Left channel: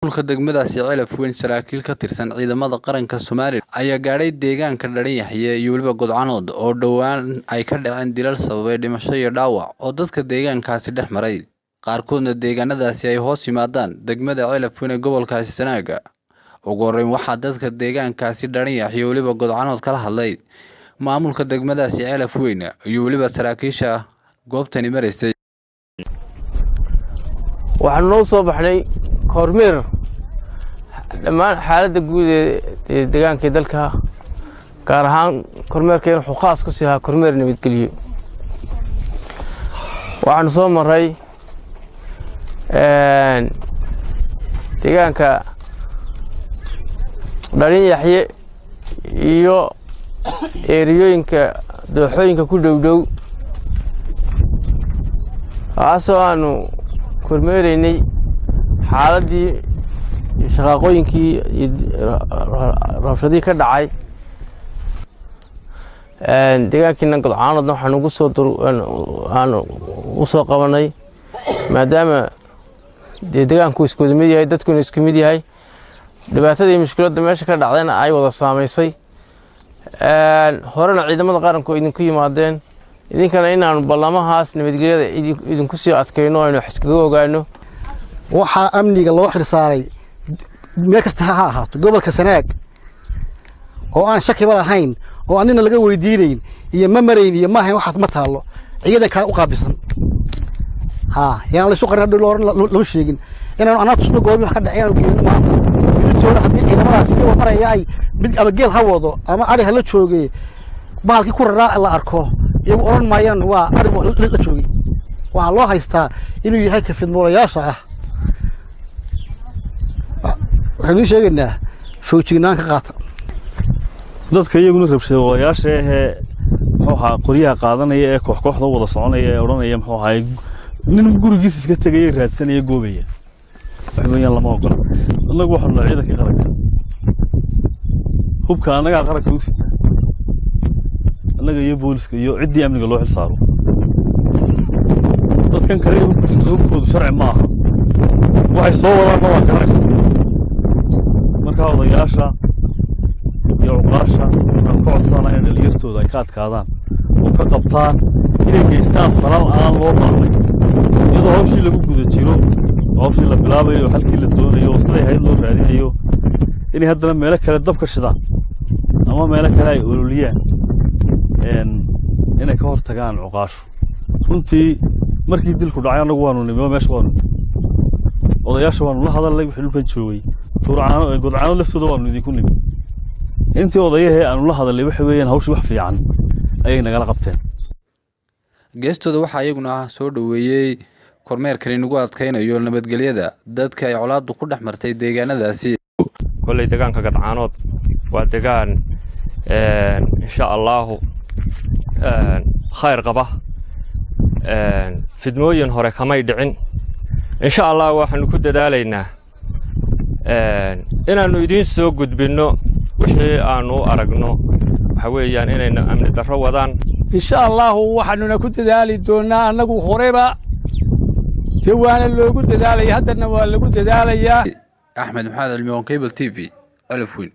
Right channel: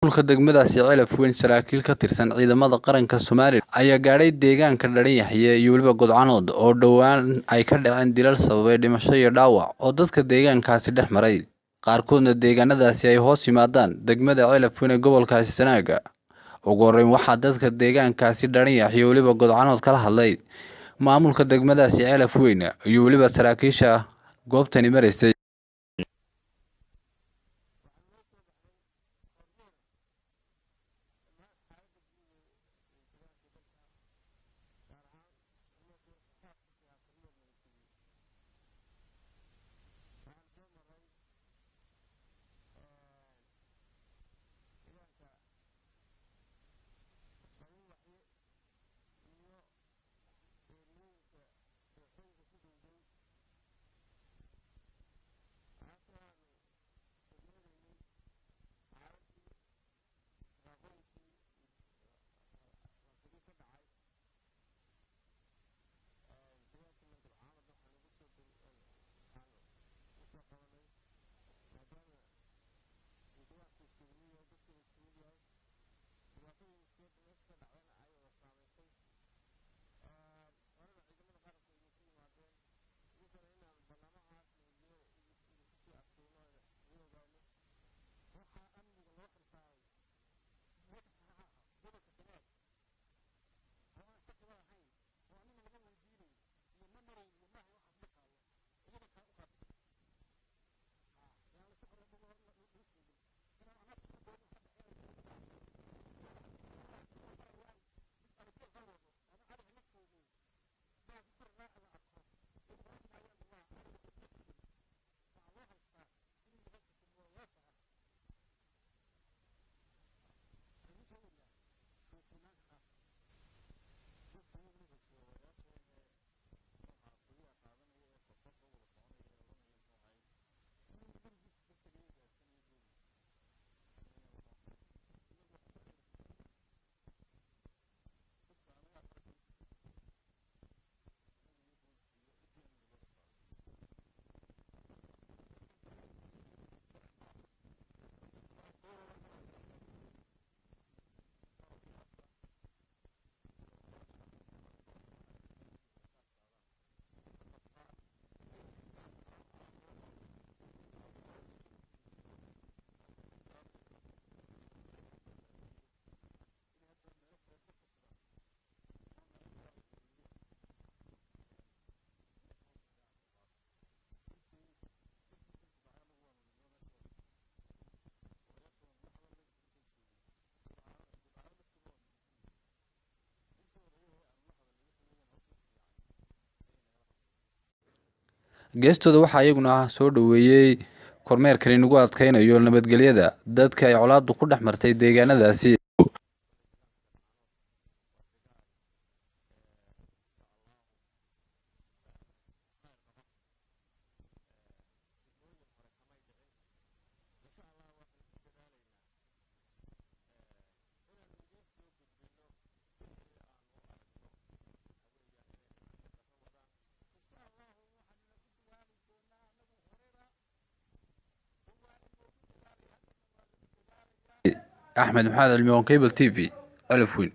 Maamulka degmadaasi Celaf Weyn saraakiil ka tirsan ciidamada qaranka Soomaaliya ayaa gaadhay deegaanka Dharinyaxye iyo waliba Godcanood oo dhawaan ay ka dhaceen dilal sababay dhimasho iyo dhaawac oo dadka deegaankaasi dhex maray. Qaarkoodna deegaanadaasi ay hoos yimaadaan degmada Celaf Weyn ee gobolkaasi Sanaaga. Ugu horreyn waxaa dadka deegaankaasi Dharinyaxye iyo waliba Godcanood kala hadlay maamulka degmadaasi Celaf Weyn iyo waliba saraakiisha goobtani mareysay. waxaan noo soo baxnay kormeer dhammaan xaaladda guud ee deegaanka dalka gaar ahaan kormeerkeen wuxuu khaas ku siyaa kormeer nabadgelyo. waxaan soo maray deegaanka Dharinyaxye iyo eeriyooyinka dooxooyinka ku dhow taasoo aanu kormeeraynay xaaladii shaqooyinkii rabshadii ka dhacay deegaankiina Godcanoodna waxaan ugu soo qabanay maadaama deegaanku isku mid yahay dadkuna isku mid yahay dhibaatada iyo mushkiladda meesha ka dhacdayna ay wada saameysay horena ciidamada qaranku idinku yimaadeen idinkana inaanu ballamahaas nabadgelyada idinku sii adkayno aynu iskaga ogaano. waxaa amniga loo xirsaaray meel kasta ha ahaato gobolka Sanaag oo aan shakiba lahayn oo anina laga weydiinayn iyo ma marayn iyo ma ahayn waxaas ma taalo ciidanka u qaabisan yaan la soo qarin loo sheegin inaan anaa tusno goobi wax ka dhacayaan geeyno maanta inta haddii ciidamadaas iyo maraya ay mid ama geel ha wado ama ari ha la joogay baalkii ku raraa la arko iyagu oran maayaan waa ari la joogay waxa loo haystaa inuu yahay ka fidmoolayaasha waxaan sheegaynaa foojignaan ka qaata dadka iyaguna rabshadayaasha muxuu ahaa qoryaha qaadanaya ee kooxda wada soconaya ee oranaya muxuu ahaa nin gurigiisa iska tagay raadsanaya goobaya waxweeyaan lama ogola anagu waxaan la ciidanka qaranka hubka anaga qaranka u sidna anaga iyo booliska iyo ciidii amniga loo xil saaro dadkan kale hubkoodu sharci ma aha waxay soo wadaan ma garanaysa marka odayaasha iyo uqaasha waxaan ka codsanaa in dhalinyartooda ay ka adkaadaan oo ka qabtaan inay geystaan falal aan loo baahnay iyadoo hawshii lagu guda jiro hawshii la bilaabayo halkii la doonayo siday hayd loo raadinayo inay haddana meelo kale dab ka shidaan ama meelo kale ay ololiyaan inay ka hortagaan cuqaashu runtii markii dilku dhacay anagu waanu nimo meesha waanu odayaasha waanu la hadalnay wixii dhulkan joogay Godcanood laftooda waanu idinku nimo intii odayahee aanu la hadalnay waxa weeyaan hawshu wax fiican ayay nagala qabteen. geestooda waxaa iyaguna soo dhaweeyay kormeerkan inagu adkaynayo nabadgelyada dadka ay colaadu ku dhex martay deegaanadaasi. kolay deegaanka Godcanood waa deegaan insha Allah khayr qaba fidmooyin hore kamay dhicin insha Allah waxaanu ku dadaalaynaa inaanu idin soo gudbino wixii aanu aragno waxa weeyaan inayna amni darro wadaan insha Allah waxaanu ku dadaali doonaa anagu horeba jawaana loogu dadaalay haddana waa lagu dadaalayaa. Axmed Maxamed Almiyon Cable TV Celaf Weyn.